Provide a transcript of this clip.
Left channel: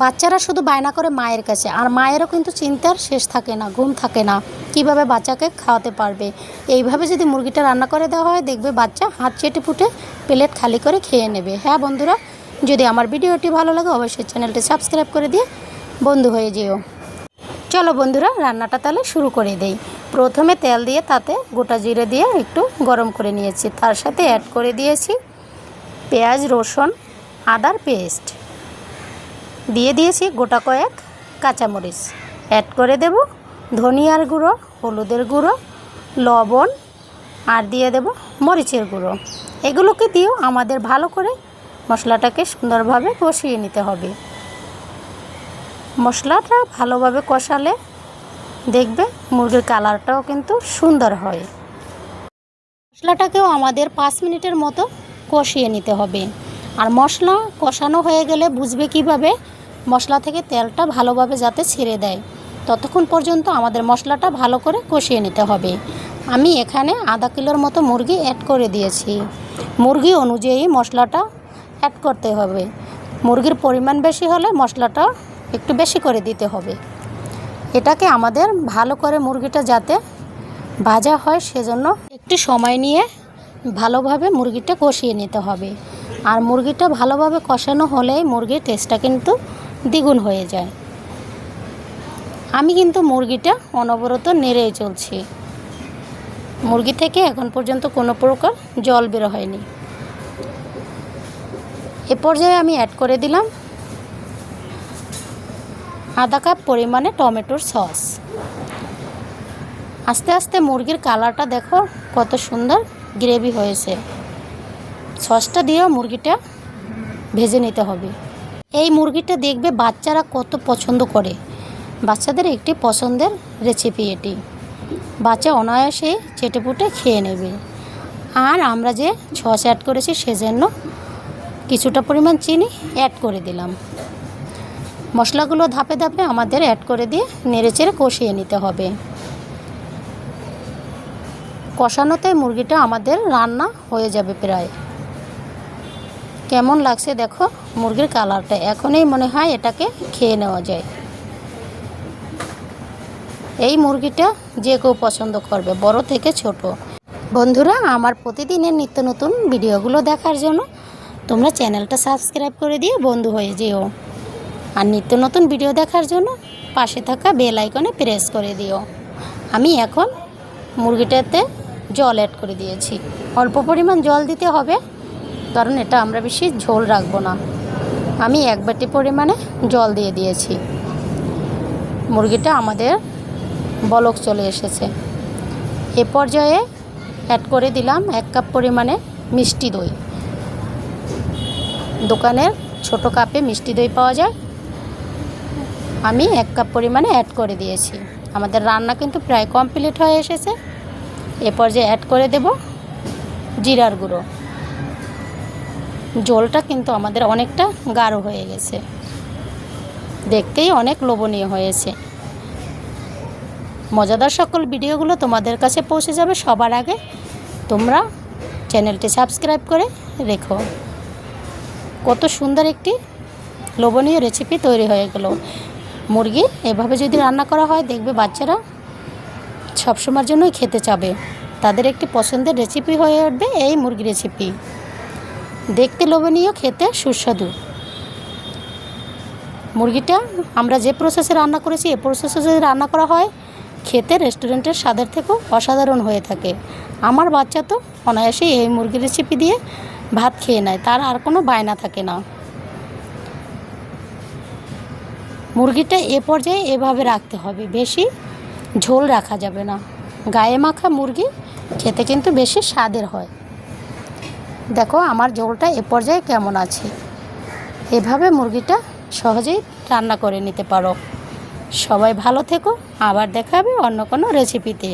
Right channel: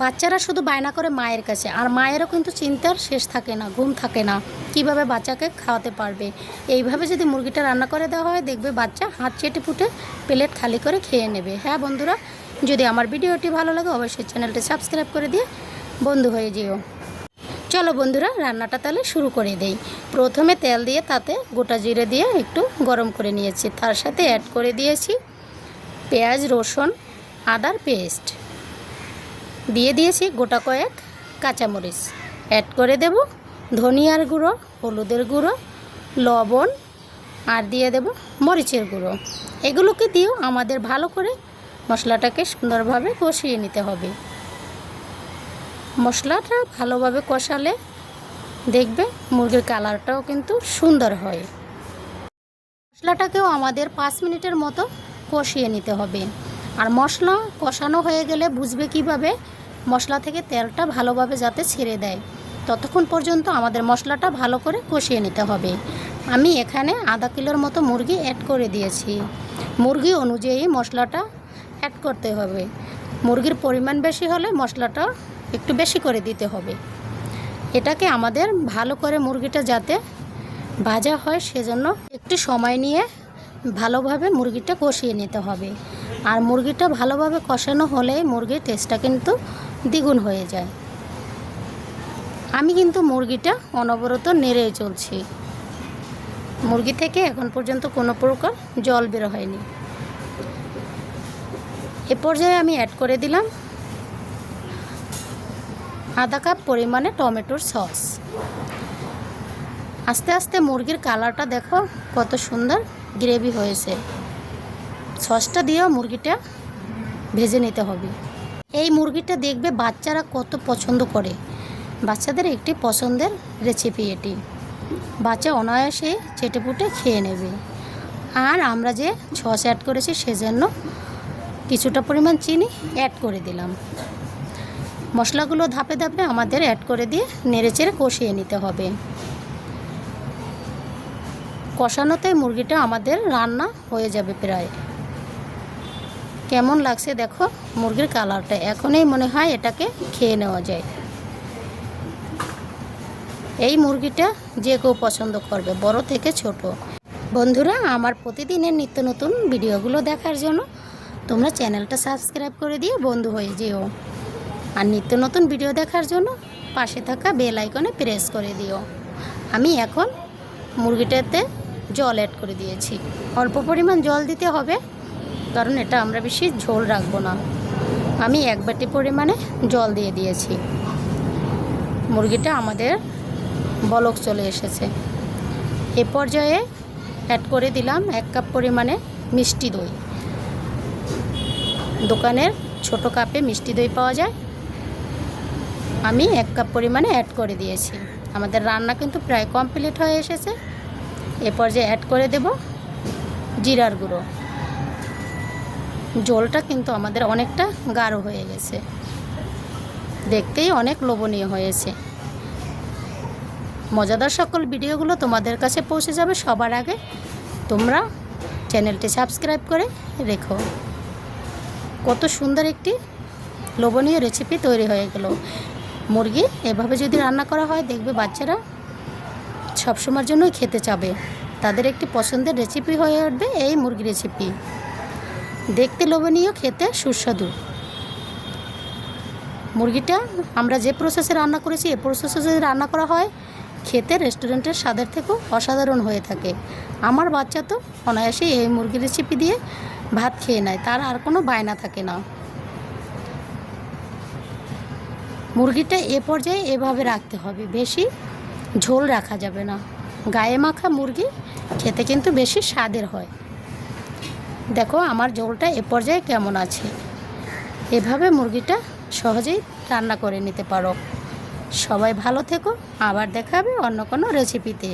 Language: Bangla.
বাচ্চারা শুধু বায়না করে মায়ের কাছে, আর মায়েরও কিন্তু চিন্তার শেষ থাকে না, ঘুম থাকে না কিভাবে বাচ্চাকে খাওয়াতে পারবে। এইভাবে যদি মুরগিটা রান্না করে দেওয়া হয়, দেখবে বাচ্চা হাত চেটে ফুটে প্লেট খালি করে খেয়ে নেবে। হ্যাঁ বন্ধুরা, যদি আমার ভিডিওটি ভালো লাগে অবশ্যই চ্যানেলটি সাবস্ক্রাইব করে দিয়ে বন্ধু হয়ে যেও। চলো বন্ধুরা, রান্নাটা তাহলে শুরু করে দেই। প্রথমে তেল দিয়ে তাতে গোটা জিরে দিয়ে একটু গরম করে নিয়েছি, তার সাথে অ্যাড করে দিয়েছি পেঁয়াজ, রসুন, আদার পেস্ট, দিয়ে দিয়েছি গোটা কয়েক কাঁচামরিচ, অ্যাড করে দেব ধনিয়ার গুঁড়ো, হলুদের গুঁড়ো, লবণ, আর দিয়ে দেব মরিচের গুঁড়ো। এগুলোকে দিয়েও আমাদের ভালো করে মশলাটাকে সুন্দরভাবে কষিয়ে নিতে হবে। মশলাটা ভালোভাবে কষালে দেখবে মুরগির কালারটাও কিন্তু সুন্দর হয়। মশলাটাকেও আমাদের 5 মিনিটের মতো কষিয়ে নিতে হবে। আর মশলা কষানো হয়ে গেলে বুঝবে কিভাবে, মশলা থেকে তেলটা ভালোভাবে যাতে ছেড়ে দেয়, ততক্ষণ পর্যন্ত আমাদের মশলাটা ভালো করে কষিয়ে নিতে হবে। আমি এখানে আধা কিলোর মতো মুরগি অ্যাড করে দিয়েছি। মুরগি অনুযায়ী মশলাটা অ্যাড করতে হবে। মুরগির পরিমাণ বেশি হলে মশলাটা একটু বেশি করে দিতে হবে। এটাকে আমাদের ভালো করে মুরগিটা যাতে ভাজা হয় সেজন্য একটু সময় নিয়ে ভালোভাবে মুরগিটা কষিয়ে নিতে হবে। আর মুরগিটা ভালোভাবে কষানো হলে মুরগির টেস্টটা কিন্তু দ্বিগুণ হয়ে যায়। আমি কিন্তু মুরগিটা অনবরত নেড়েই চলছি। মুরগি থেকে এখন পর্যন্ত কোনো প্রকার জল বের হয়নি। এ পর্যায়ে আমি অ্যাড করে দিলাম আধা কাপ পরিমাণে টমেটোর সস। আস্তে আস্তে মুরগির কালারটা দেখো কত সুন্দর গ্রেভি হয়েছে। সসটা দিয়েও মুরগিটা ভেজে নিতে হবে। এই মুরগিটা দেখবে বাচ্চারা কত পছন্দ করে। বাচ্চাদের একটি পছন্দের রেসিপি এটি। বাচ্চা অনায়াসে চেটেপুটে খেয়ে নেবে। আর আমরা যে সস অ্যাড করেছি সেজন্য কিছুটা পরিমাণ চিনি অ্যাড করে দিলাম। মশলাগুলো ধাপে ধাপে আমাদের অ্যাড করে দিয়ে নেড়েচেড়ে কষিয়ে নিতে হবে। কষানোতে মুরগিটা আমাদের রান্না হয়ে যাবে প্রায়। কেমন লাগছে দেখো মুরগির কালারটা, এখনই মনে হয় এটাকে খেয়ে নেওয়া যায়। এই মুরগিটা যে কেউ পছন্দ করবে, বড় থেকে ছোট। বন্ধুরা, আমার প্রতিদিনের নিত্য নতুন ভিডিওগুলো দেখার জন্য তোমরা চ্যানেলটা সাবস্ক্রাইব করে দিয়ে বন্ধু হয়ে যেও। আর নিত্য নতুন ভিডিও দেখার জন্য পাশে থাকা বেল আইকনে প্রেস করে দিও। আমি এখন মুরগিটাতে জল অ্যাড করে দিয়েছি। অল্প পরিমাণ জল দিতে হবে, কারণ এটা আমরা বেশি ঝোল রাখবো না। আমি 1 বাটি পরিমাণে জল দিয়ে দিয়েছি। মুরগিটা আমাদের বলক চলে এসেছে। এ পর্যায়ে অ্যাড করে দিলাম 1 কাপ পরিমাণে মিষ্টি দই। দোকানের ছোট কাপে মিষ্টি দই পাওয়া যায়, আমি 1 কাপ পরিমাণে অ্যাড করে দিয়েছি। আমাদের রান্না কিন্তু প্রায় কমপ্লিট হয়ে এসেছে। এ পর্যায়ে অ্যাড করে দেব জিরার গুঁড়ো। ঝোলটা কিন্তু আমাদের অনেকটা গাঢ় হয়ে গেছে, দেখতেই অনেক লোভনীয় হয়েছে। মজাদার সকল ভিডিওগুলো তোমাদের কাছে পৌঁছে যাবে সবার আগে। তোমরা চ্যানেলটি সাবস্ক্রাইব করে রেখো। কত সুন্দর একটি লোভনীয় রেসিপি তৈরি হয়ে গেল। মুরগি এভাবে যদি রান্না করা হয়, দেখবে বাচ্চারা সবসময়ের জন্যই খেতে চাবে। তাদের একটি পছন্দের রেসিপি হয়ে উঠবে এই মুরগি রেসিপি। দেখতে লোভনীয়, খেতে সুস্বাদু। মুরগিটা আমরা যে প্রসেসে রান্না করেছি, এই প্রসেসে যদি রান্না করা হয়, খেতে রেস্টুরেন্টের স্বাদের থেকেও অসাধারণ হয়ে থাকে। আমার বাচ্চা তো অনায়াসে এই মুরগি রেসিপি দিয়ে ভাত খেয়ে নেয়, তার আর কোনো বায়না থাকে না। মুরগিটা এ পর্যায়ে এভাবে রাখতে হবে, বেশি ঝোল রাখা যাবে না। গায়ে মাখা মুরগি খেতে কিন্তু বেশি স্বাদের হয়। দেখো আমার ঝোলটা এ পর্যায়ে কেমন আছে। এভাবে মুরগিটা সহজেই রান্না করে নিতে পারো। সবাই ভালো থেকো, আবার দেখা হবে অন্য কোনো রেসিপিতে।